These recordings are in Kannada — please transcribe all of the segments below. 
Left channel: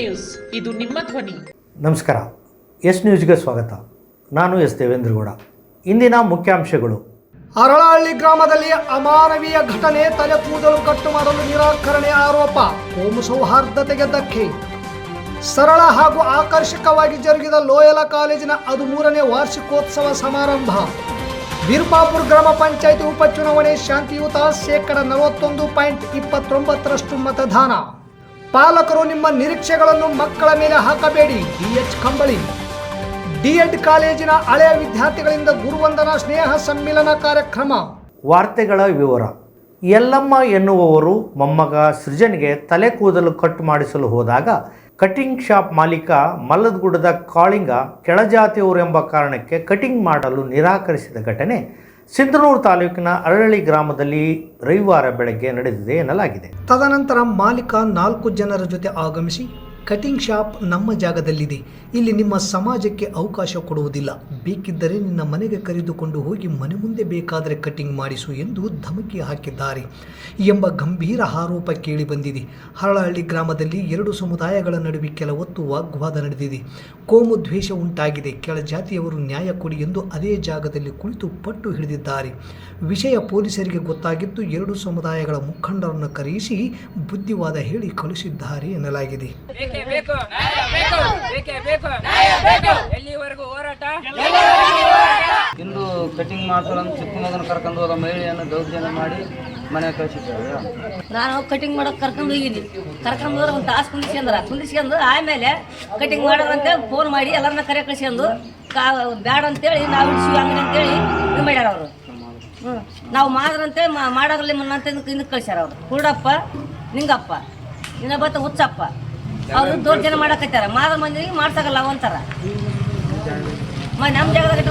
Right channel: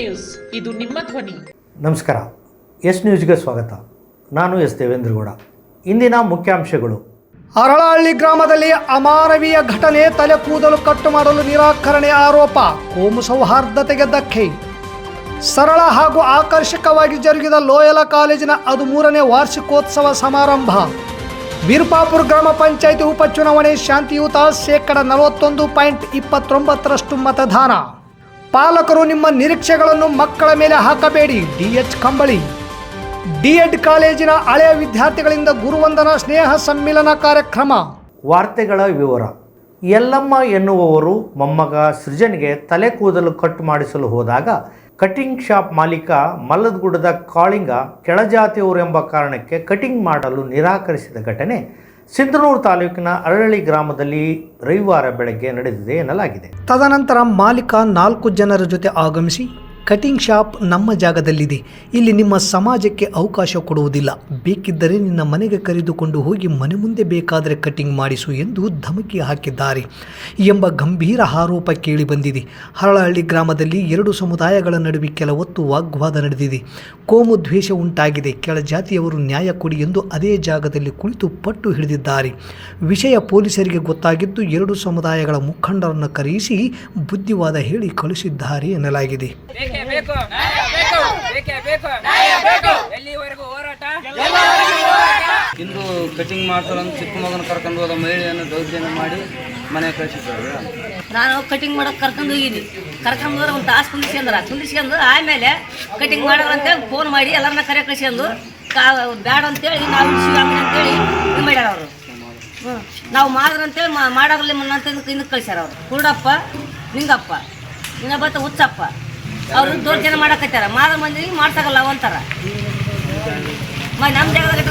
ನ್ಯೂಸ್. ಇದು ನಿಮ್ಮ ಧ್ವನಿ. ನಮಸ್ಕಾರ. ಎಸ್ ನ್ಯೂಸ್ಗೆ ಸ್ವಾಗತ. ನಾನು ಎಸ್ ದೇವೇಂದ್ರಗೌಡ. ಇಂದಿನ ಮುಖ್ಯಾಂಶಗಳು. ಅರಳಹಳ್ಳಿ ಗ್ರಾಮದಲ್ಲಿ ಅಮಾನವೀಯ ಘಟನೆ ತಲೆ ಕೂದಲು ಕಟ್ಟು ಮಾಡಲು ನಿರಾಕರಣೆ ಆರೋಪ. ಕೋಮು ಸೌಹಾರ್ದತೆಗೆ ಧಕ್ಕೆ. ಸರಳ ಹಾಗೂ ಆಕರ್ಷಕವಾಗಿ ಜರುಗಿದ ಲೋಯಲ ಕಾಲೇಜಿನ ಹದಿಮೂರನೇ ವಾರ್ಷಿಕೋತ್ಸವ ಸಮಾರಂಭ. ವೀರಪಾಪುರ ಗ್ರಾಮ ಪಂಚಾಯಿತಿ ಉಪಚುನಾವಣೆ ಶಾಂತಿಯುತ ಶೇಕಡ ನಲವತ್ತೊಂದು ಪಾಯಿಂಟ್ ಇಪ್ಪತ್ತೊಂಬತ್ತರಷ್ಟು ಮತದಾನ. ಪಾಲಕರು ನಿಮ್ಮ ನಿರೀಕ್ಷೆಗಳನ್ನು ಮಕ್ಕಳ ಮೇಲೆ ಹಾಕಬೇಡಿ. ಡಿಎಚ್ ಕಂಬಳಿ. ಡಿಎಡ್ ಕಾಲೇಜಿನ ಹಳೆಯ ವಿದ್ಯಾರ್ಥಿಗಳಿಂದ ಗುರುವಂದನ ಸ್ನೇಹ ಸಮ್ಮಿಲನ ಕಾರ್ಯಕ್ರಮ. ವಾರ್ತೆಗಳ ವಿವರ. ಯಲ್ಲಮ್ಮ ಎನ್ನುವವರು ಮೊಮ್ಮಗ ಸೃಜನ್ಗೆ ತಲೆ ಕೂದಲು ಕಟ್ ಮಾಡಿಸಲು ಹೋದಾಗ ಕಟಿಂಗ್ ಶಾಪ್ ಮಾಲೀಕ ಮಲ್ಲದಗುಡ್ಡದ ಕಾಳಿಂಗ ಕೆಳಜಾತಿಯವರು ಎಂಬ ಕಾರಣಕ್ಕೆ ಕಟಿಂಗ್ ಮಾಡಲು ನಿರಾಕರಿಸಿದ ಘಟನೆ ಸಿಂಧನೂರು ತಾಲೂಕಿನ ಅರಳಿ ಗ್ರಾಮದಲ್ಲಿ ರವಿವಾರ ಬೆಳಗ್ಗೆ ನಡೆದಿದೆ ಎನ್ನಲಾಗಿದೆ. ತದನಂತರ ಮಾಲೀಕ ನಾಲ್ಕು ಜನರ ಜೊತೆ ಆಗಮಿಸಿ ಕಟಿಂಗ್ ಶಾಪ್ ನಮ್ಮ ಜಾಗದಲ್ಲಿದೆ. ಇಲ್ಲಿ ನಿಮ್ಮ ಸಮಾಜಕ್ಕೆ ಅವಕಾಶ ಕೊಡುವುದಿಲ್ಲ. ಬೇಕಿದ್ದರೆ ನಿನ್ನ ಮನೆಗೆ ಕರೆದುಕೊಂಡು ಹೋಗಿ ಮನೆ ಮುಂದೆ ಬೇಕಾದರೆ ಕಟಿಂಗ್ ಮಾಡಿಸು ಎಂದು ಧಮಕಿ ಹಾಕಿದ್ದಾರೆ ಎಂಬ ಗಂಭೀರ ಆರೋಪ ಕೇಳಿಬಂದಿದೆ ಹರಳಹಳ್ಳಿ ಗ್ರಾಮದಲ್ಲಿ ಎರಡು ಸಮುದಾಯಗಳ ನಡುವೆ ಕೆಲ ಹೊತ್ತು ವಾಗ್ವಾದ ನಡೆದಿದೆ. ಕೋಮು ದ್ವೇಷ ಉಂಟಾಗಿದೆ. ಕೆಳ ಜಾತಿಯವರು ನ್ಯಾಯ ಕೊಡಿ ಎಂದು ಅದೇ ಜಾಗದಲ್ಲಿ ಕುಳಿತು ಪಟ್ಟು ಹಿಡಿದಿದ್ದಾರೆ. ವಿಷಯ ಪೊಲೀಸರಿಗೆ ಗೊತ್ತಾಗಿದ್ದು ಎರಡು ಸಮುದಾಯಗಳ ಮುಖಂಡರನ್ನು ಕರೆಯಿಸಿ ಬುದ್ಧಿವಾದ ಹೇಳಿ ಕಳುಹಿಸಿದ್ದಾರೆ ಎನ್ನಲಾಗಿದೆ. ಬೇಕೇ. ಬೇಕು. ಬೇಕು. ಬೇಕೇ? ಎಲ್ಲಿವರೆಗೂ ಹೋರಾಟ? ಇಂದು ಕಟಿಂಗ್ ಮಾಡ್ತಾರೆ ಅಂತ ಚಿಕ್ಕ ಮಗನ ಕರ್ಕೊಂಡು ಹೋದ ಮಹಿಳೆಯನ್ನು ದೌರ್ಜನ್ಯ ಮಾಡಿ ಮನೆ ಕಳಿಸಿದ್ದಾರೆ. ನಾನು ಕಟಿಂಗ್ ಮಾಡಕ್ ಕರ್ಕೊಂಡು ಹೋಗಿದ್ದೀನಿ. ಕರ್ಕೊಂಡು ಹೋದ್ರೆ ಒಂದು ತಾಸು ಕುಂದಿಸ್ಕೊಂಡ್ರ ಕುಂದಿಸ್ಕೊಂಡು ಆಮೇಲೆ ಕಟಿಂಗ್ ಮಾಡೋರು ಅಂತೇಳಿ ಫೋನ್ ಮಾಡಿ ಎಲ್ಲರನ್ನ ಕರೆ ಕಳಿಸ್ಕೊಂಡು ಕಾ ಬ್ಯಾಡ ಅಂತೇಳಿ ನಾವು ಅಂಗಡಿ ಅಂತೇಳಿ ಇದು ಮಾಡ್ಯಾರ ಅವರು. ಹ್ಞೂ ನಾವು ಮಾಡ್ರಂತೇಳಿ ಮಾಡೋದ್ರಲ್ಲಿ ಮುನ್ನ ಅಂತ ಹಿಂದಕ್ಕೆ ಕಳಿಸ್ಯಾರ ಅವರು. ಕುರುಡಪ್ಪ ನಿಂಗಪ್ಪ ಇನ್ನೊಬ್ಬತ್ತ ಹುಚ್ಚಪ್ಪ. ಅವರು ದೌರ್ಜನ್ಯ ಮಾಡಕತ್ತಾರ. ಮಾದ ಮಂದಿಗೆ ಮಾಡ್ಸಕಲ್ಲ ಅವಂತಾರ. ಮ ನಮ್ಮ ಜಾಗದಾಗ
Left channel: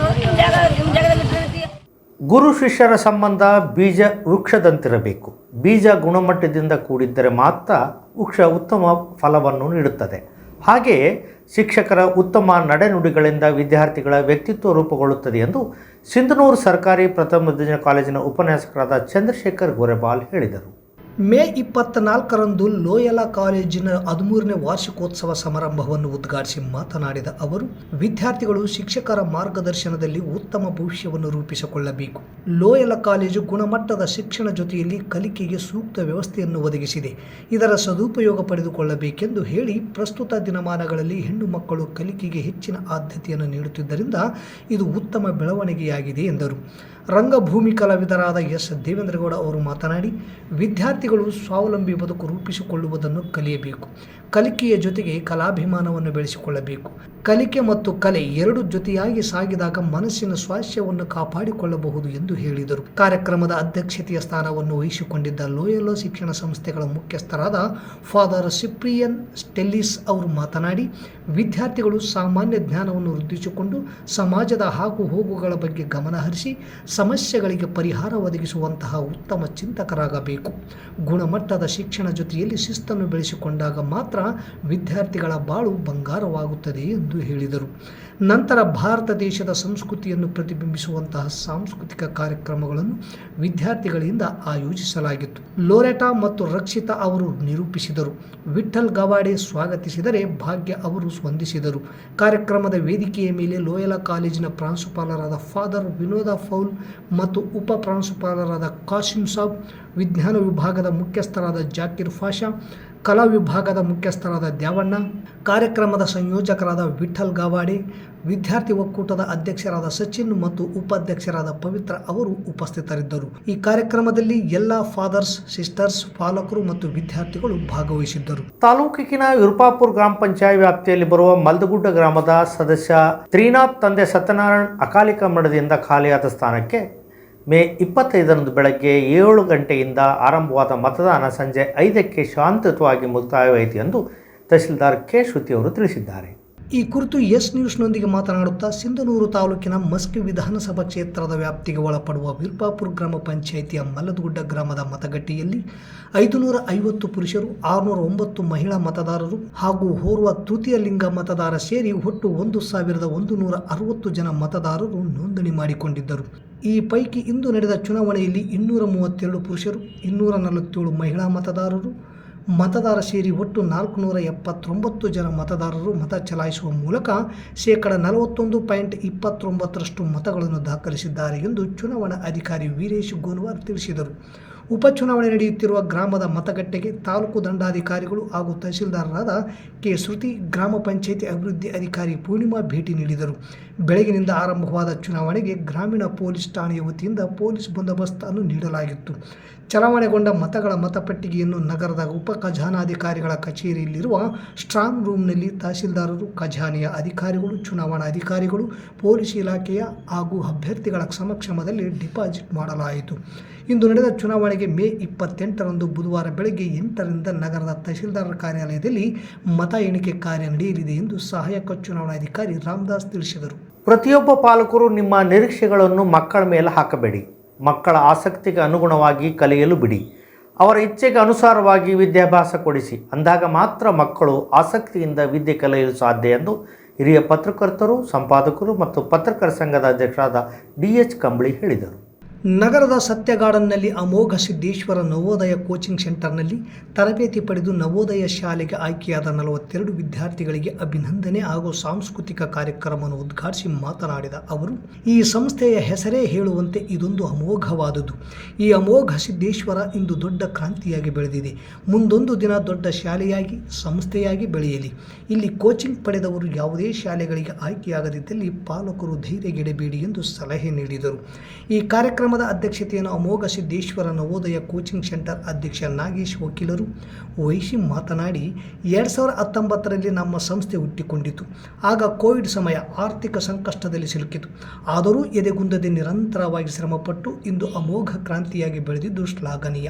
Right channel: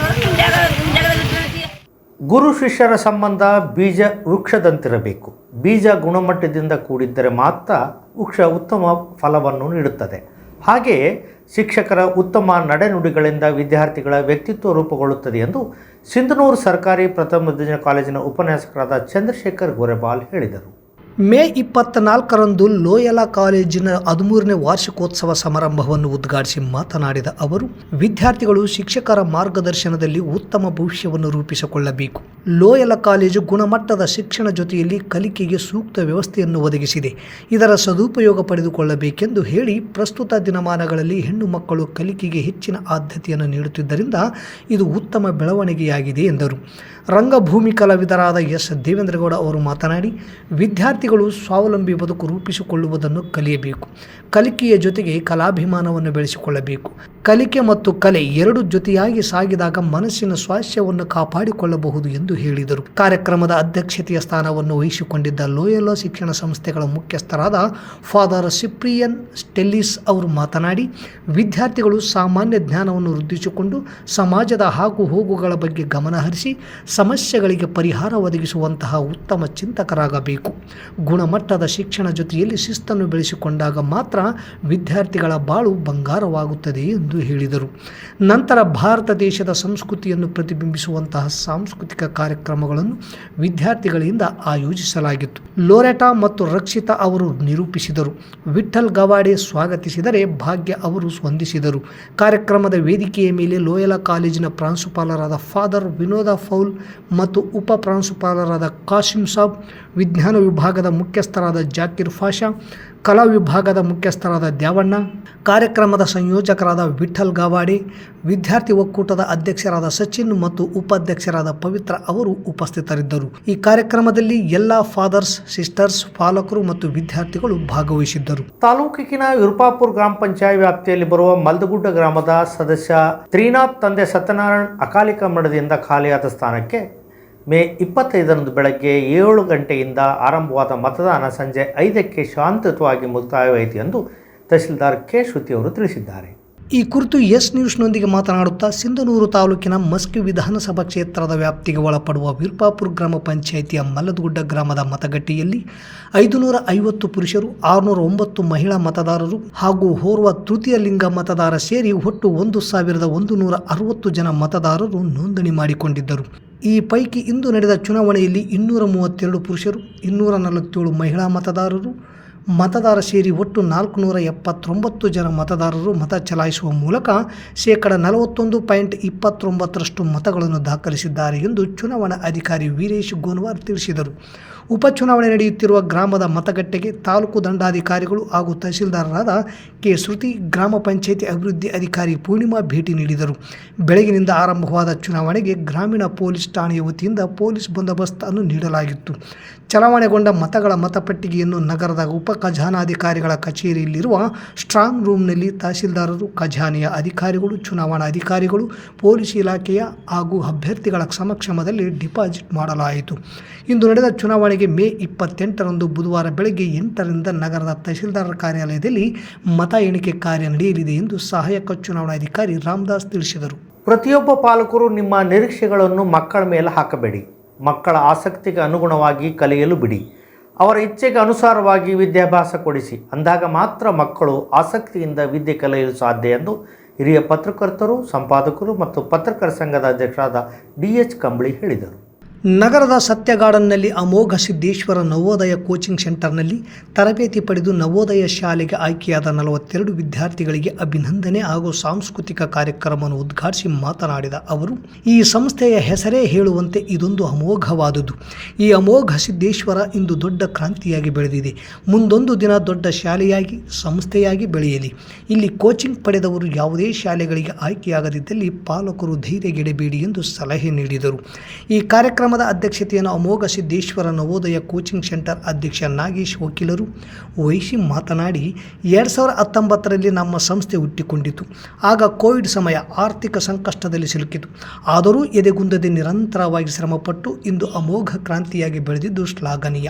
ಗುರು ಶಿಷ್ಯರ ಸಂಬಂಧ ಬೀಜ ವೃಕ್ಷದಂತಿರಬೇಕು. ಬೀಜ ಗುಣಮಟ್ಟದಿಂದ ಕೂಡಿದ್ದರೆ ಮಾತ್ರ ವೃಕ್ಷ ಉತ್ತಮ ಫಲವನ್ನು ನೀಡುತ್ತದೆ. ಹಾಗೆಯೇ ಶಿಕ್ಷಕರ ಉತ್ತಮ ನಡೆನುಡಿಗಳಿಂದ ವಿದ್ಯಾರ್ಥಿಗಳ ವ್ಯಕ್ತಿತ್ವ ರೂಪುಗೊಳ್ಳುತ್ತದೆ ಎಂದು ಸಿಂಧನೂರು ಸರ್ಕಾರಿ ಪ್ರಥಮ ದರ್ಜೆ ಕಾಲೇಜಿನ ಉಪನ್ಯಾಸಕರಾದ ಚಂದ್ರಶೇಖರ್ ಗೋರೆಬಾಲ್ ಹೇಳಿದರು. ಮೇ ಇಪ್ಪತ್ನಾಲ್ಕರಂದು ಲೋಯಲ ಕಾಲೇಜಿನ ಹದಿಮೂರನೇ ವಾರ್ಷಿಕೋತ್ಸವ ಸಮಾರಂಭವನ್ನು ಉದ್ಘಾಟಿಸಿ ಮಾತನಾಡಿದ ಅವರು, ವಿದ್ಯಾರ್ಥಿಗಳು ಶಿಕ್ಷಕರ ಮಾರ್ಗದರ್ಶನದಲ್ಲಿ ಉತ್ತಮ ಭವಿಷ್ಯವನ್ನು ರೂಪಿಸಿಕೊಳ್ಳಬೇಕು. ಲೋಯಲ ಕಾಲೇಜು ಗುಣಮಟ್ಟದ ಶಿಕ್ಷಣ ಜೊತೆಯಲ್ಲಿ ಕಲಿಕೆಗೆ ಸೂಕ್ತ ವ್ಯವಸ್ಥೆಯನ್ನು ಒದಗಿಸಿದೆ. ಇದರ ಸದುಪಯೋಗ ಪಡೆದುಕೊಳ್ಳಬೇಕೆಂದು ಹೇಳಿ, ಪ್ರಸ್ತುತ ದಿನಮಾನಗಳಲ್ಲಿ ಹೆಣ್ಣು ಮಕ್ಕಳು ಕಲಿಕೆಗೆ ಹೆಚ್ಚಿನ ಆದ್ಯತೆಯನ್ನು ನೀಡುತ್ತಿದ್ದರಿಂದ ಇದು ಉತ್ತಮ ಬೆಳವಣಿಗೆಯಾಗಿದೆ ಎಂದರು. ರಂಗಭೂಮಿ ಕಲಾವಿದರಾದ ಎಸ್. ದೇವೇಂದ್ರಗೌಡ ಅವರು ಮಾತನಾಡಿ ವಿದ್ಯಾರ್ಥಿಗಳು ಸ್ವಾವಲಂಬಿ ಬದುಕು ರೂಪಿಸಿಕೊಳ್ಳುವುದನ್ನು ಕಲಿಯಬೇಕು. ಕಲಿಕೆಯ ಜೊತೆಗೆ ಕಲಾಭಿಮಾನವನ್ನು ಬೆಳೆಸಿಕೊಳ್ಳಬೇಕು. ಕಲಿಕೆ ಮತ್ತು ಕಲೆ ಎರಡು ಜೊತೆಯಾಗಿ ಸಾಗಿದಾಗ ಮನಸ್ಸಿನ ಸ್ವಾಸ್ಥ್ಯವನ್ನು ಕಾಪಾಡಿಕೊಳ್ಳಬಹುದು ಎಂದು ಹೇಳಿದರು. ಕಾರ್ಯಕ್ರಮದ ಅಧ್ಯಕ್ಷತೆಯ ಸ್ಥಾನವನ್ನು ವಹಿಸಿಕೊಂಡಿದ್ದ ಲೋಯಲೋ ಶಿಕ್ಷಣ ಸಂಸ್ಥೆಗಳ ಮುಖ್ಯಸ್ಥರಾದ ಫಾದರ್ ಸಿಪ್ರಿಯನ್ ಸ್ಟೆಲ್ಲಿಸ್ ಅವರು ಮಾತನಾಡಿ, ವಿದ್ಯಾರ್ಥಿಗಳು ಸಾಮಾನ್ಯ ಜ್ಞಾನವನ್ನು ವೃದ್ಧಿಸಿಕೊಂಡು ಸಮಾಜದ ಹಾಗು ಹೋಗುಗಳ ಬಗ್ಗೆ ಗಮನಹರಿಸಿ ಸಮಸ್ಯೆಗಳಿಗೆ ಪರಿಹಾರ ಒದಗಿಸುವಂತಹ ಉತ್ತಮ ಚಿಂತಕರಾಗಬೇಕು. ಗುಣಮಟ್ಟದ ಶಿಕ್ಷಣ ಜೊತೆಯಲ್ಲಿ ಶಿಸ್ತನ್ನು ಬೆಳೆಸಿಕೊಂಡಾಗ ಮಾತ್ರ ವಿದ್ಯಾರ್ಥಿಗಳ ಬಾಳು ಬಂಗಾರವಾಗುತ್ತದೆ ಎಂದು ಹೇಳಿದರು. ನಂತರ ಭಾರತ ದೇಶದ ಸಂಸ್ಕೃತಿಯನ್ನು ಪ್ರತಿಬಿಂಬಿಸುವಂತಹ ಸಾಂಸ್ಕೃತಿಕ ಕಾರ್ಯಕ್ರಮಗಳನ್ನು ವಿದ್ಯಾರ್ಥಿಗಳಿಂದ ಆಯೋಜಿಸಲಾಗಿತ್ತು. ಲೋರೆಟಾ ಮತ್ತು ರಕ್ಷಿತಾ ಅವರು ನಿರೂಪಿಸಿದರು. ವಿಠಲ್ ಗವಾಡೆ ಸ್ವಾಗತಿಸಿದರೆ ಭಾಗ್ಯ ಅವರು ಸ್ಪಂದಿಸಿದರು. ಕಾರ್ಯಕ್ರಮದ ವೇದಿಕೆಯ ಮೇಲೆ ಲೋಯಲ ಕಾಲೇಜಿನ ಪ್ರಾಂಶುಪಾಲರಾದ ಫಾದರ್ ವಿನೋದ ಫೌಲ್ ಮತ್ತು ಉಪ ಪ್ರಾಂಶುಪಾಲರಾದ ಕಾಶಿಂ ಸಾಬ್, ವಿಜ್ಞಾನ ವಿಭಾಗದ ಮುಖ್ಯಸ್ಥರಾದ ಜಾಕಿರ್ ಫಾಷಾ ಕಲಾ ವಿಭಾಗದ ಮುಖ್ಯಸ್ಥರಾದ ದ್ಯಾವಣ್ಣ, ಕಾರ್ಯಕ್ರಮದ ಸಂಯೋಜಕರಾದ ವಿಠಲ್ ಗವಾಡಿ, ವಿದ್ಯಾರ್ಥಿ ಒಕ್ಕೂಟದ ಅಧ್ಯಕ್ಷರಾದ ಸಚಿನ್ ಮತ್ತು ಉಪಾಧ್ಯಕ್ಷರಾದ ಪವಿತ್ರ ಅವರು ಉಪಸ್ಥಿತರಿದ್ದರು. ಈ ಕಾರ್ಯಕ್ರಮದಲ್ಲಿ ಎಲ್ಲ ಫಾದರ್ಸ್, ಸಿಸ್ಟರ್ಸ್, ಪಾಲಕರು ಮತ್ತು ವಿದ್ಯಾರ್ಥಿಗಳು ಭಾಗವಹಿಸಿದ್ದರು. ತಾಲೂಕಿನ ವಿರುಪಾಪುರ ಗ್ರಾಮ ಪಂಚಾಯತ್ ವ್ಯಾಪ್ತಿಯಲ್ಲಿ ಬರುವ ಮಲ್ದಗುಡ್ಡ ಗ್ರಾಮದ ಸದಸ್ಯ ತ್ರೀನಾಥ್ ತಂದೆ ಸತ್ಯನಾರಾಯಣ್ ಅಕಾಲಿಕ ಮರಣದಿಂದ ಖಾಲಿಯಾದ ಸ್ಥಾನಕ್ಕೆ ಮೇ ಇಪ್ಪತ್ತೈದರಂದು ಬೆಳಗ್ಗೆ ಏಳು ಗಂಟೆಯಿಂದ ಆರಂಭವಾದ ಮತದಾನ ಸಂಜೆ ಐದಕ್ಕೆ ಶಾಂತಯುತವಾಗಿ ಮುಕ್ತಾಯವಾಯಿತು ಎಂದು ತಹಸೀಲ್ದಾರ್ ಕೆ ಶ್ರುತಿ ಅವರು ತಿಳಿಸಿದ್ದಾರೆ. ಈ ಕುರಿತು ಎಸ್ ನ್ಯೂಸ್ನೊಂದಿಗೆ ಮಾತನಾಡುತ್ತಾ ಸಿಂಧನೂರು ತಾಲೂಕಿನ ಮಸ್ಕಿ ವಿಧಾನಸಭಾ ಕ್ಷೇತ್ರದ ವ್ಯಾಪ್ತಿಗೆ ಒಳಪಡುವ ವಿರ್ಪಾಪುರ್ ಗ್ರಾಮ ಪಂಚಾಯಿತಿಯ ಮಲ್ಲದಗುಡ್ಡ ಗ್ರಾಮದ ಮತಗಟ್ಟೆಯಲ್ಲಿ ಐದುನೂರ ಐವತ್ತು ಪುರುಷರು ಆರುನೂರ ಒಂಬತ್ತು ಮಹಿಳಾ ಮತದಾರರು ಹಾಗೂ ಓರ್ವ ತೃತೀಯ ಲಿಂಗ ಮತದಾರ ಸೇರಿ ಒಟ್ಟು ಒಂದು ಸಾವಿರದ ಒಂದು ನೂರ ಅರವತ್ತು ಜನ ಮತದಾರರು ನೋಂದಣಿ ಮಾಡಿಕೊಂಡಿದ್ದರು. ಈ ಪೈಕಿ ಇಂದು ನಡೆದ ಚುನಾವಣೆಯಲ್ಲಿ ಇನ್ನೂರ ಮೂವತ್ತೆರಡು ಪುರುಷರು, ಇನ್ನೂರ ನಲವತ್ತೇಳು ಮಹಿಳಾ ಮತದಾರರು, ಮತದಾರ ಸೇರಿ ಒಟ್ಟು ನಾಲ್ಕುನೂರ ಎಪ್ಪತ್ತೊಂಬತ್ತು ಜನ ಮತದಾರರು ಮತ ಚಲಾಯಿಸುವ ಮೂಲಕ ಶೇಕಡ ನಲವತ್ತೊಂದು ಪಾಯಿಂಟ್ ಇಪ್ಪತ್ತೊಂಬತ್ತರಷ್ಟು ಮತಗಳನ್ನು ದಾಖಲಿಸಿದ್ದಾರೆ ಎಂದು ಚುನಾವಣಾ ಅಧಿಕಾರಿ ವೀರೇಶ್ ಗೋನ್ವಾರ್ ತಿಳಿಸಿದರು. ಉಪಚುನಾವಣೆ ನಡೆಯುತ್ತಿರುವ ಗ್ರಾಮದ ಮತಗಟ್ಟೆಗೆ ತಾಲೂಕು ದಂಡಾಧಿಕಾರಿಗಳು ಹಾಗೂ ತಹಸೀಲ್ದಾರರಾದ ಕೆ. ಶ್ರುತಿ, ಗ್ರಾಮ ಪಂಚಾಯಿತಿ ಅಭಿವೃದ್ಧಿ ಅಧಿಕಾರಿ ಪೂರ್ಣಿಮಾ ಭೇಟಿ ನೀಡಿದರು. ಬೆಳಗಿನಿಂದ ಆರಂಭವಾದ ಚುನಾವಣೆಗೆ ಗ್ರಾಮೀಣ ಪೊಲೀಸ್ ಠಾಣೆಯ ವತಿಯಿಂದ ಪೊಲೀಸ್ ಬಂದೋಬಸ್ತನ್ನು ನೀಡಲಾಗಿತ್ತು. ಚಲಾವಣೆಗೊಂಡ ಮತಗಳ ಮತಪಟ್ಟಿಗೆಯನ್ನು ನಗರದ ಉಪ ಖಜಾನಾಧಿಕಾರಿಗಳ ಕಚೇರಿಯಲ್ಲಿರುವ ಸ್ಟ್ರಾಂಗ್ ರೂಮ್ನಲ್ಲಿ ತಹಸೀಲ್ದಾರರು ಖಜಾನೆಯ ಅಧಿಕಾರಿಗಳು, ಚುನಾವಣಾ ಅಧಿಕಾರಿಗಳು, ಪೊಲೀಸ್ ಇಲಾಖೆಯ ಹಾಗೂ ಅಭ್ಯರ್ಥಿಗಳ ಸಮಕ್ಷಮದಲ್ಲಿ ಡಿಪಾಸಿಟ್ ಮಾಡಲಾಯಿತು. ಇಂದು ನಡೆದ ಚುನಾವಣೆಗೆ ಮೇ ಇಪ್ಪತ್ತೆಂಟರಂದು ಬುಧವಾರ ಬೆಳಗ್ಗೆ ಎಂಟರಿಂದ ನಗರದ ತಹಸೀಲ್ದಾರ್ ಕಾರ್ಯಾಲಯದಲ್ಲಿ ಮತ ಎಣಿಕೆ ಕಾರ್ಯ ನಡೆಯಲಿದೆ ಎಂದು ಸಹಾಯಕ ಚುನಾವಣಾಧಿಕಾರಿ ರಾಮದಾಸ್ ತಿಳಿಸಿದರು. ಪ್ರತಿಯೊಬ್ಬ ಪಾಲಕರು ನಿಮ್ಮ ನಿರೀಕ್ಷೆಗಳನ್ನು ಮಕ್ಕಳ ಮೇಲೆ ಹಾಕಬೇಡಿ. ಮಕ್ಕಳ ಆಸಕ್ತಿಗೆ ಅನುಗುಣವಾಗಿ ಕಲಿಯಲು ಬಿಡಿ. ಅವರ ಇಚ್ಛೆಗೆ ಅನುಸಾರವಾಗಿ ವಿದ್ಯಾಭ್ಯಾಸ ಕೊಡಿಸಿ. ಅಂದಾಗ ಮಾತ್ರ ಮಕ್ಕಳು ಆಸಕ್ತಿಯಿಂದ ವಿದ್ಯೆ ಕಲಿಯಲು ಸಾಧ್ಯ ಎಂದು ಹಿರಿಯ ಪತ್ರಕರ್ತರು, ಸಂಪಾದಕರು ಮತ್ತು ಪತ್ರಕರ್ತ ಸಂಘದ ಅಧ್ಯಕ್ಷರಾದ ಡಿ ಎಚ್ ಕಂಬಳಿ ಹೇಳಿದರು. ನಗರದ ಸತ್ಯ ಗಾರ್ಡನ್ನಲ್ಲಿ ಅಮೋಘ ಸಿದ್ದೇಶ್ವರ ನವೋದಯ ಕೋಚಿಂಗ್ ಸೆಂಟರ್ನಲ್ಲಿ ತರಬೇತಿ ಪಡೆದು ನವೋದಯ ಶಾಲೆಗೆ ಆಯ್ಕೆಯಾದ ನಲವತ್ತೆರಡು ವಿದ್ಯಾರ್ಥಿಗಳಿಗೆ ಅಭಿನಂದನೆ ಹಾಗೂ ಸಾಂಸ್ಕೃತಿಕ ಕಾರ್ಯಕ್ರಮವನ್ನು ಉದ್ಘಾಟಿಸಿ ಮಾತನಾಡಿದ ಅವರು, ಈ ಸಂಸ್ಥೆಯ ಹೆಸರೇ ಹೇಳುವಂತೆ ಇದೊಂದು ಅಮೋಘವಾದುದು. ಈ ಅಮೋಘ ಸಿದ್ದೇಶ್ವರ ಇಂದು ದೊಡ್ಡ ಕ್ರಾಂತಿಯಾಗಿ ಬೆಳೆದಿದೆ. ಮುಂದೊಂದು ದಿನ ದೊಡ್ಡ ಶಾಲೆಯಾಗಿ, ಸಂಸ್ಥೆಯಾಗಿ ಬೆಳೆಯಲಿ. ಇಲ್ಲಿ ಕೋಚಿಂಗ್ ಪಡೆದವರು ಯಾವುದೇ ಶಾಲೆಗಳಿಗೆ ಆಯ್ಕೆಯಾಗದಿದ್ದಲ್ಲಿ ಪಾಲಕರು ಧೈರ್ಯಗೆಡಬೇಡಿ ಎಂದು ಸಲಹೆ ನೀಡಿದರು. ಈ ಕಾರ್ಯಕ್ರಮದ ಅಧ್ಯಕ್ಷತೆಯನ್ನು ಅಮೋಘ ಸಿದ್ದೇಶ್ವರ ನವೋದಯ ಕೋಚಿಂಗ್ ಸೆಂಟರ್ ಅಧ್ಯಕ್ಷ ನಾಗೇಶ್ ವಕೀಲರು ವಹಿಸಿ ಮಾತನಾಡಿ, ಎರಡು ಸಾವಿರದ ಹತ್ತೊಂಬತ್ತರಲ್ಲಿ ನಮ್ಮ ಸಂಸ್ಥೆ ಹುಟ್ಟಿಕೊಂಡಿತು. ಆಗ ಕೋವಿಡ್ ಸಮಯ ಆರ್ಥಿಕ ಸಂಕಷ್ಟದಲ್ಲಿ ಸಿಲುಕಿತು. ಆದರೂ ಎದೆಗುಂದದೆ ನಿರಂತರವಾಗಿ ಶ್ರಮಪಟ್ಟು ಇಂದು ಅಮೋಘ ಕ್ರಾಂತಿಯಾಗಿ ಬೆಳೆದಿದ್ದು ಶ್ಲಾಘನೀಯ.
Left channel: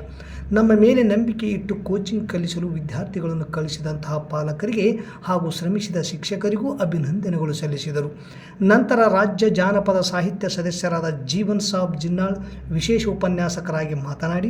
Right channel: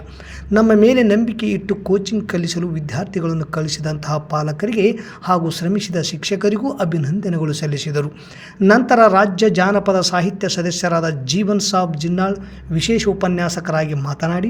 ನಮ್ಮ ಮೇಲೆ ನಂಬಿಕೆ ಇಟ್ಟು ಕೋಚಿಂಗ್ ಕಲಿಸಲು ವಿದ್ಯಾರ್ಥಿಗಳನ್ನು ಕಲಿಸಿದಂತಹ ಪಾಲಕರಿಗೆ ಹಾಗೂ ಶ್ರಮಿಸಿದ ಶಿಕ್ಷಕರಿಗೂ ಅಭಿನಂದನೆಗಳು ಸಲ್ಲಿಸಿದರು. ನಂತರ ರಾಜ್ಯ ಜಾನಪದ ಸಾಹಿತ್ಯ ಸದಸ್ಯರಾದ ಜೀವನ್ ಸಾಬ್ ಜಿನ್ನಾಳ್ ವಿಶೇಷ ಉಪನ್ಯಾಸಕರಾಗಿ ಮಾತನಾಡಿ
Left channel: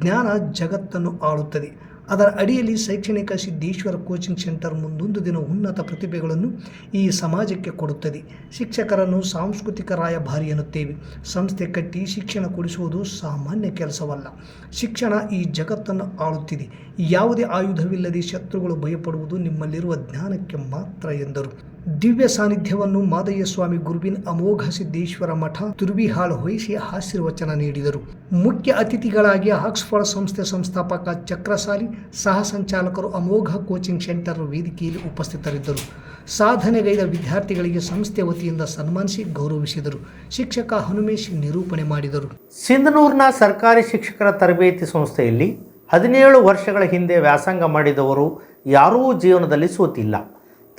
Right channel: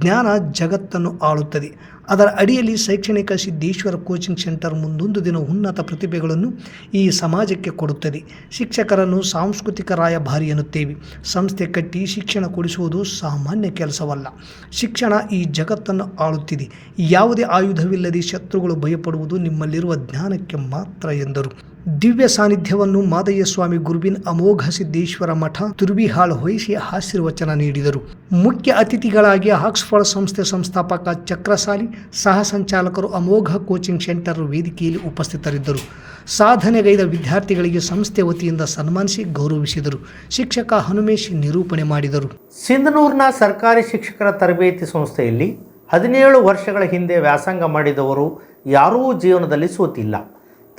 ಜ್ಞಾನ ಜಗತ್ತನ್ನು ಆಳುತ್ತದೆ. ಅದರ ಅಡಿಯಲ್ಲಿ ಶೈಕ್ಷಣಿಕ ಸಿದ್ದೇಶ್ವರ ಕೋಚಿಂಗ್ ಸೆಂಟರ್ ಮುಂದೊಂದು ದಿನ ಉನ್ನತ ಪ್ರತಿಭೆಗಳನ್ನು ಈ ಸಮಾಜಕ್ಕೆ ಕೊಡುತ್ತದೆ. ಶಿಕ್ಷಕರನ್ನು ಸಾಂಸ್ಕೃತಿಕ ರಾಯಭಾರಿ ಎನ್ನುತ್ತೇವೆ. ಸಂಸ್ಥೆ ಕಟ್ಟಿ ಶಿಕ್ಷಣ ಕೊಡಿಸುವುದು ಸಾಮಾನ್ಯ ಕೆಲಸವಲ್ಲ. ಶಿಕ್ಷಣ ಈ ಜಗತ್ತನ್ನು ಆಳುತ್ತಿದೆ. ಯಾವುದೇ ಆಯುಧವಿಲ್ಲದೆ ಶತ್ರುಗಳು ಭಯಪಡುವುದು ನಿಮ್ಮಲ್ಲಿರುವ ಜ್ಞಾನಕ್ಕೆ ಮಾತ್ರ ಎಂದರು. ದಿವ್ಯ ಸಾನ್ನಿಧ್ಯವನ್ನು ಮಾದಯ್ಯ ಸ್ವಾಮಿ ಗುರುವಿನ ಅಮೋಘ ಸಿದ್ದೇಶ್ವರ ಮಠ ತುರ್ಬಿಹಾಳ್ ವಹಿಸಿ ಆಶೀರ್ವಚನ ನೀಡಿದರು. ಮುಖ್ಯ ಅತಿಥಿಗಳಾಗಿ ಆಕ್ಸ್ಫರ್ಡ್ ಸಂಸ್ಥೆ ಸಂಸ್ಥಾಪಕ ಚಕ್ರಸಾಲಿ ಸಹ ಸಂಚಾಲಕರು ಅಮೋಘ ಕೋಚಿಂಗ್ ಸೆಂಟರ್ ವೇದಿಕೆಯಲ್ಲಿ ಉಪಸ್ಥಿತರಿದ್ದರು. ಸಾಧನೆಗೈದ ವಿದ್ಯಾರ್ಥಿಗಳಿಗೆ ಸಂಸ್ಥೆ ವತಿಯಿಂದ ಸನ್ಮಾನಿಸಿ ಗೌರವಿಸಿದರು. ಶಿಕ್ಷಕ ಹನುಮೇಶ್ ನಿರೂಪಣೆ ಮಾಡಿದರು. ಸಿಂಧನೂರಿನ ಸರ್ಕಾರಿ ಶಿಕ್ಷಕರ ತರಬೇತಿ ಸಂಸ್ಥೆಯಲ್ಲಿ ಹದಿನೇಳು ವರ್ಷಗಳ ಹಿಂದೆ ವ್ಯಾಸಂಗ ಮಾಡಿದವರು ಯಾರೂ ಜೀವನದಲ್ಲಿ ಸೋತಿಲ್ಲ.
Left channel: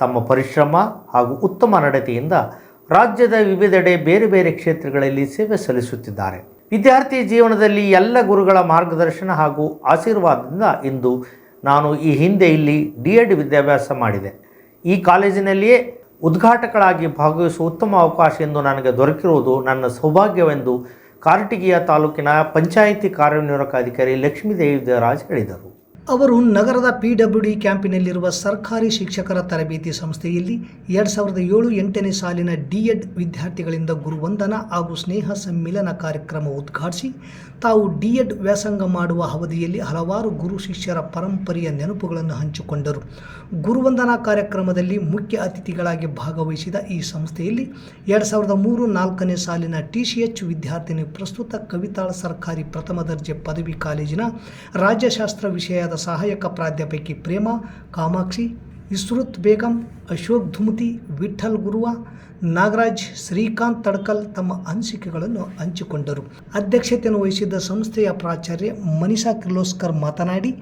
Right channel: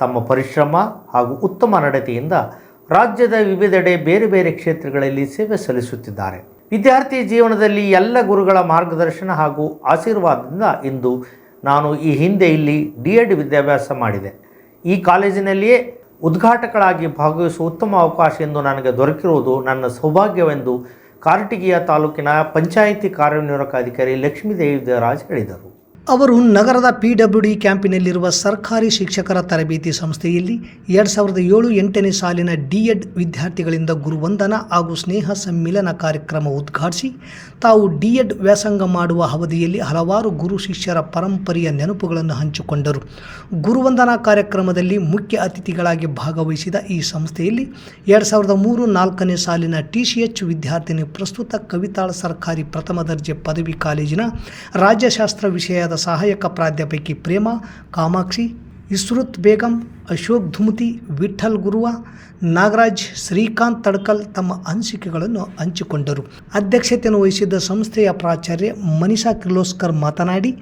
ತಮ್ಮ ಪರಿಶ್ರಮ ಹಾಗೂ ಉತ್ತಮ ನಡತೆಯಿಂದ ರಾಜ್ಯದ ವಿವಿಧೆಡೆ ಬೇರೆ ಬೇರೆ ಕ್ಷೇತ್ರಗಳಲ್ಲಿ ಸೇವೆ ಸಲ್ಲಿಸುತ್ತಿದ್ದಾರೆ. ವಿದ್ಯಾರ್ಥಿ ಜೀವನದಲ್ಲಿ ಎಲ್ಲ ಗುರುಗಳ ಮಾರ್ಗದರ್ಶನ ಹಾಗೂ ಆಶೀರ್ವಾದದಿಂದ ಇಂದು ನಾನು ಈ ಹಿಂದೆ ಇಲ್ಲಿ ಡಿ ಎಡ್ ವಿದ್ಯಾಭ್ಯಾಸ ಮಾಡಿದೆ. ಈ ಕಾಲೇಜಿನಲ್ಲಿಯೇ ಉದ್ಘಾಟಕಳಾಗಿ ಭಾಗವಹಿಸುವ ಉತ್ತಮ ಅವಕಾಶ ಎಂದು ನನಗೆ ದೊರಕಿರುವುದು ನನ್ನ ಸೌಭಾಗ್ಯವೆಂದು ಕಾರ್ಟಿಗಿಯ ತಾಲೂಕಿನ ಪಂಚಾಯಿತಿ ಕಾರ್ಯನಿರ್ವಾಹಕ ಅಧಿಕಾರಿ ಲಕ್ಷ್ಮೀದೇವಿ ದೇವರಾಜ್ ಹೇಳಿದರು. ಅವರು ನಗರದ ಪಿ ಡಬ್ಲ್ಯೂ ಡಿ ಕ್ಯಾಂಪಿನಲ್ಲಿರುವ ಸರ್ಕಾರಿ ಶಿಕ್ಷಕರ ತರಬೇತಿ ಸಂಸ್ಥೆಯಲ್ಲಿ ಎರಡು ಸಾವಿರದ ಏಳು ಎಂಟನೇ ಸಾಲಿನ ಡಿ ಎಡ್ ವಿದ್ಯಾರ್ಥಿಗಳಿಂದ ಗುರುವಂದನ ಹಾಗೂ ಸ್ನೇಹ ಸಮ್ಮಿಲನ ಕಾರ್ಯಕ್ರಮ ಉದ್ಘಾಟಿಸಿ, ತಾವು ಡಿ ಎಡ್ ವ್ಯಾಸಂಗ ಮಾಡುವ ಅವಧಿಯಲ್ಲಿ ಹಲವಾರು ಗುರು ಶಿಷ್ಯರ ಪರಂಪರೆಯ ನೆನಪುಗಳನ್ನು ಹಂಚಿಕೊಂಡರು. ಗುರುವಂದನಾ ಕಾರ್ಯಕ್ರಮದಲ್ಲಿ ಮುಖ್ಯ ಅತಿಥಿಗಳಾಗಿ ಭಾಗವಹಿಸಿದ ಈ ಸಂಸ್ಥೆಯಲ್ಲಿ ಎರಡು ಸಾವಿರದ ಮೂರು ನಾಲ್ಕನೇ ಸಾಲಿನ ಟಿ ಸಿ ಎಚ್ ವಿದ್ಯಾರ್ಥಿನಿ ಪ್ರಸ್ತುತ ಕವಿತಾಳ ಸರ್ಕಾರಿ ಪ್ರಥಮ ದರ್ಜೆ ಪದವಿ ಕಾಲೇಜಿನ ರಾಜ್ಯಶಾಸ್ತ್ರ ವಿಷಯದ ಸಹಾಯಕ ಪ್ರಾಧ್ಯಾಪಕಿ ಪ್ರೇಮ, ಕಾಮಾಕ್ಷಿ, ಇಸ್ರುತ್ ಬೇಗಂ, ಅಶೋಕ್ ಧುಮತಿ ವಿಠಲ್ ಗುರುವ, ನಾಗರಾಜ್, ಶ್ರೀಕಾಂತ್ ತಡ್ಕಲ್ ತಮ್ಮ ಅನಿಸಿಕೆಗಳನ್ನು ಹಂಚಿಕೊಂಡರು. ಅಧ್ಯಕ್ಷತೆಯನ್ನು ವಹಿಸಿದ್ದ ಸಂಸ್ಥೆಯ ಪ್ರಾಚಾರ್ಯ ಮನೀಷಾ ಕಿರ್ಲೋಸ್ಕರ್ ಮಾತನಾಡಿ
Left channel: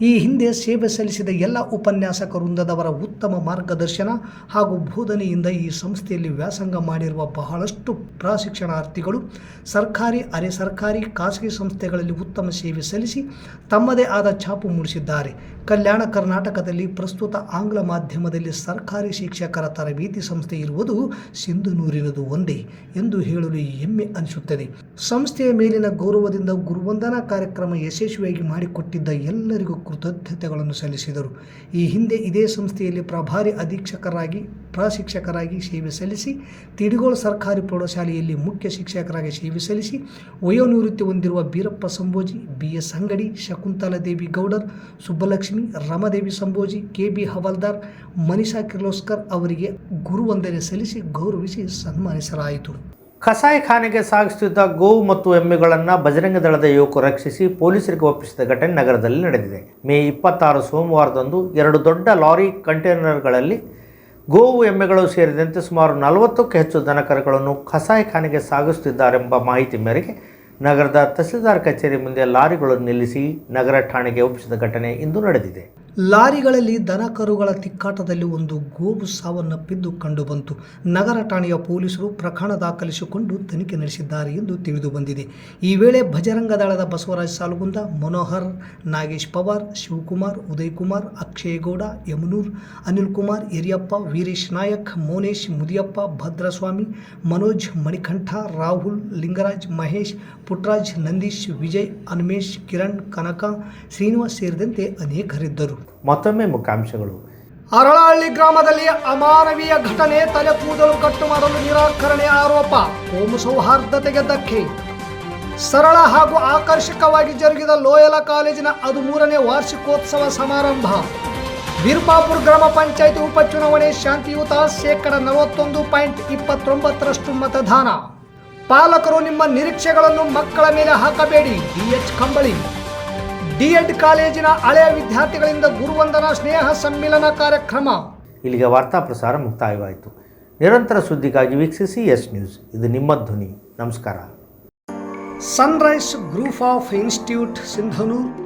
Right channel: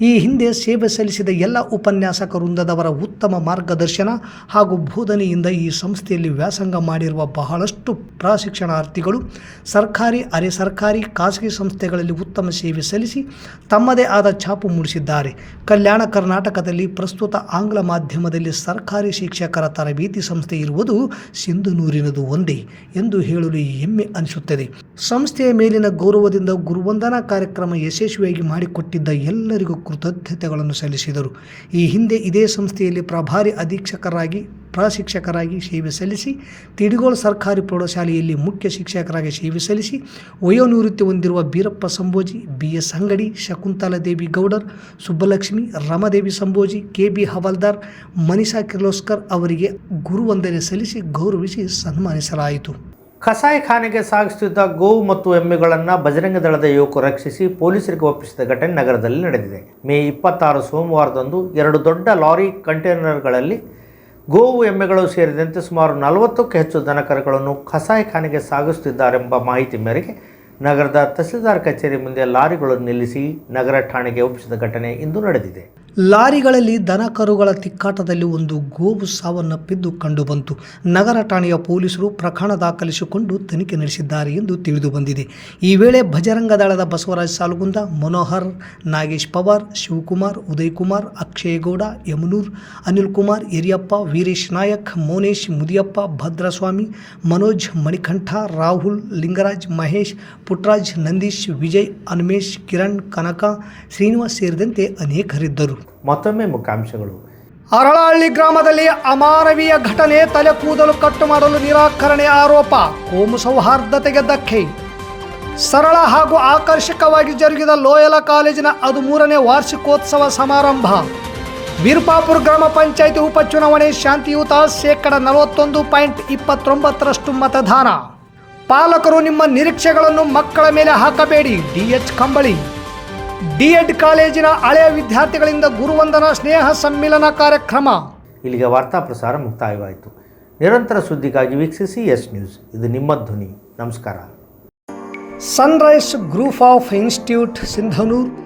ಈ ಹಿಂದೆ ಸೇವೆ ಸಲ್ಲಿಸಿದ ಎಲ್ಲ ಉಪನ್ಯಾಸಕ ವೃಂದದವರ ಉತ್ತಮ ಮಾರ್ಗದರ್ಶನ ಹಾಗೂ ಬೋಧನೆಯಿಂದ ಈ ಸಂಸ್ಥೆಯಲ್ಲಿ ವ್ಯಾಸಂಗ ಮಾಡಿರುವ ಬಹಳಷ್ಟು ಪ್ರಶಿಕ್ಷಣಾರ್ಥಿಗಳು ಸರ್ಕಾರಿ, ಅರೆ ಸರ್ಕಾರಿ, ಖಾಸಗಿ ಸಂಸ್ಥೆಗಳಲ್ಲಿ ಉತ್ತಮ ಸೇವೆ ಸಲ್ಲಿಸಿ ತಮ್ಮದೇ ಆದ ಛಾಪು ಮೂಡಿಸಿದ್ದಾರೆ. ಕಲ್ಯಾಣ ಕರ್ನಾಟಕದಲ್ಲಿ ಪ್ರಸ್ತುತ ಆಂಗ್ಲ ಮಾಧ್ಯಮದಲ್ಲಿ ಸರ್ಕಾರಿ ಶಿಕ್ಷಕರ ತರಬೇತಿ ಸಂಸ್ಥೆ ಇರುವುದು ಸಿಂಧುನೂರಿನದು ಒಂದೇ ಎಂದು ಹೇಳಲು ಹೆಮ್ಮೆ ಅನಿಸುತ್ತದೆ. ಸಂಸ್ಥೆಯ ಮೇಲಿನ ಗೌರವದಿಂದ ಗುರುವಂದನಾ ಕಾರ್ಯಕ್ರಮ ಯಶಸ್ವಿಯಾಗಿ ಮಾಡಿಕೊಟ್ಟಿದ್ದ ಎಲ್ಲರಿಗೂ ಕೃತಜ್ಞತೆಗಳನ್ನು ಸಲ್ಲಿಸಿದರು. ಈ ಹಿಂದೆ ಇದೇ ಸಂಸ್ಥೆಯಲ್ಲಿ ಪ್ರಭಾರಿ ಅಧೀಕ್ಷಕರಾಗಿ, ಪ್ರಶಿಕ್ಷಕರಾಗಿ ಸೇವೆ ಸಲ್ಲಿಸಿ, ತಿಡಿಗೋಳ ಸರ್ಕಾರಿ ಪ್ರೌಢಶಾಲೆಯಲ್ಲಿ ಮುಖ್ಯ ಶಿಕ್ಷಕರಾಗಿ ಸೇವೆ ಸಲ್ಲಿಸಿ, ವಯೋನಿವೃತ್ತಿ ಹೊಂದಿರುವ Beerappa Sambhoji B S Angadi Shakuntaladevi Gowdar, Subbalakshmi, Ramadevi Sambhoji K B Hawaldar, Manisha Kirloskar ಅವರಿಗೆ ಗುರುವಂದನೆ ಸಲ್ಲಿಸಿ ಗೌರವಿಸಿ ಸನ್ಮಾನಿಸಲಾಯಿತು. ಕಸಾಯಿಖಾನೆಗೆ ಸಾಗಿಸುತ್ತಿದ್ದ ಗೋವು ಮತ್ತು ಎಮ್ಮೆಗಳನ್ನು ಬಜರಂಗ ದಳದ ಯುವಕರು ರಕ್ಷಿಸಿ ಪೊಲೀಸರಿಗೆ ಒಪ್ಪಿಸಿದ ಘಟನೆ ನಗರದಲ್ಲಿ ನಡೆದಿದೆ. ಮೇ ಇಪ್ಪತ್ತಾರು ಸೋಮವಾರದಂದು ಎರಡು ದೊಡ್ಡ ಲಾರಿ ಕಂಟೈನರ್ಗಳಲ್ಲಿ ಗೋವು ಎಮ್ಮೆಗಳು ಸೇರಿದಂತೆ ಸುಮಾರು ನಲವತ್ತಕ್ಕೂ ಹೆಚ್ಚು ದನಕರುಗಳನ್ನು ಕಸಾಯಿಖಾನೆಗೆ ಸಾಗಿಸುತ್ತಿದ್ದಾರೆಂಬ ಮಾಹಿತಿ ಮೇರೆಗೆ ನಗರದ ತಹಸೀಲ್ದಾರ್ ಕಚೇರಿ ಮುಂದೆ ಲಾರಿಗಳನ್ನು ನಿಲ್ಲಿಸಿ ನಗರ ಠಾಣೆಗೆ ಒಪ್ಪಿಸಿದ ಘಟನೆ ಇಂದು ನಡೆದಿದೆ. ಲಾರಿಗಳಲ್ಲಿ ದನ ಕರುಗಳ ತಿಕ್ಕಾಟದಲ್ಲಿ ಒಂದು ಗೋವು ಸಾವನ್ನಪ್ಪಿದ್ದು ಕಂಡುಬಂತು ನಗರ ಠಾಣೆಯ ಪೊಲೀಸರು ಪ್ರಕರಣ ದಾಖಲಿಸಿಕೊಂಡು ತನಿಖೆ ನಡೆಸಿದ್ದಾರೆ ಎಂದು ತಿಳಿದು ಬಂದಿದೆ. ಈ ವೇಳೆ ಭಜರಂಗದಳದ ಬಸವರಾಜ್ ಸಾಲುಗುಂದ, ಮನೋಹರ್ ನಾಗೇಶ್ ಪವಾರ್, ಶಿವಕುಮಾರ್ ಉದಯ್ ಕುಮಾರ್ ಅಕ್ಷಯಗೌಡ ಯಮನೂರ್, ಅನಿಲ್ ಕುಮಾರ್, ಹಿರಿಯಪ್ಪ, ವೀರೇಶ್ ನಾಯಕ್, ಮೋನೇಶ್ ಮುದಿಯಪ್ಪ, ಭದ್ರಸ್ವಾಮಿ, ಮನೋಜ್ ಮಣಿಕಂಠ, ರಾಹುಲ್ ಲಿಂಗರಾಜ್, ಮಹೇಶ್ ಪುಟ್ರಾಜ್, ನಂದೀಶ್, ವಿಜಯ್, ಅನ್ಮೇಶ್, ಕಿರಣ್, ಕನಕ, ಶ್ರೀನಿವಾಸ್ ಸೇರಿದಂತೆ ಅನೇಕರಿದ್ದರು. ಮತ್ತೊಮ್ಮೆ ಮುಖ್ಯಾಂಶಗಳು. ಅರಳಹಳ್ಳಿ ಗ್ರಾಮದಲ್ಲಿ ಅಮಾನವೀಯ ಘಟನೆ ತಲೆ ಕೂದಲು ಕಟ್ಟು ಮಾಡಲು ನಿರಾಕರಣೆ ಆರೋಪ. ಕೋಮು ಸೌಹಾರ್ದತೆಗೆ ಧಕ್ಕೆ. ಸರಳ ಹಾಗೂ ಆಕರ್ಷಕವಾಗಿ ಜರುಗಿದ ಲೋಯಲ ಕಾಲೇಜಿನ ಹದಿಮೂರನೇ ವಾರ್ಷಿಕೋತ್ಸವ ಸಮಾರಂಭ. ವೀರಪಾಪುರ ಗ್ರಾಮ ಪಂಚಾಯಿತಿ ಉಪಚುನಾವಣೆ ಶಾಂತಿಯುತ ಶೇಕಡ ನಲವತ್ತೊಂದು ಪಾಯಿಂಟ್ ಇಪ್ಪತ್ತೊಂಬತ್ತರಷ್ಟು ಮತದಾನ. ಪಾಲಕರು ನಿಮ್ಮ ನಿರೀಕ್ಷೆಗಳನ್ನು ಮಕ್ಕಳ ಮೇಲೆ ಹಾಕಬೇಡಿ. ಡಿಎಚ್ ಕಂಬಳಿ. ಡಿಎಡ್ ಕಾಲೇಜಿನ ಹಳೆಯ ವಿದ್ಯಾರ್ಥಿಗಳಿಂದ ಗುರುವಂದನ ಸ್ನೇಹ ಸಮ್ಮಿಲನ ಕಾರ್ಯಕ್ರಮ. ಇಲ್ಲಿಗೆ ವಾರ್ತಾ ಪ್ರಸಾರ ಮುಕ್ತಾಯವಾಯಿತು. ನಿರಂತರ ಸುದ್ದಿಗಾಗಿ ವೀಕ್ಷಿಸಿ ಎಸ್ ನ್ಯೂಸ್. ಇದು ನಿಮ್ಮ ಧ್ವನಿ. ನಮಸ್ಕಾರ. Sunrise group of institute Sindhanur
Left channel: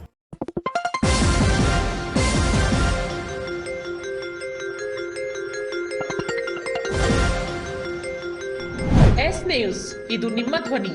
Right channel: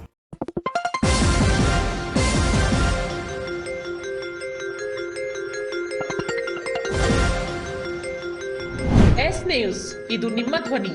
S news ಇದು ನಿಮ್ಮ ಧ್ವನಿ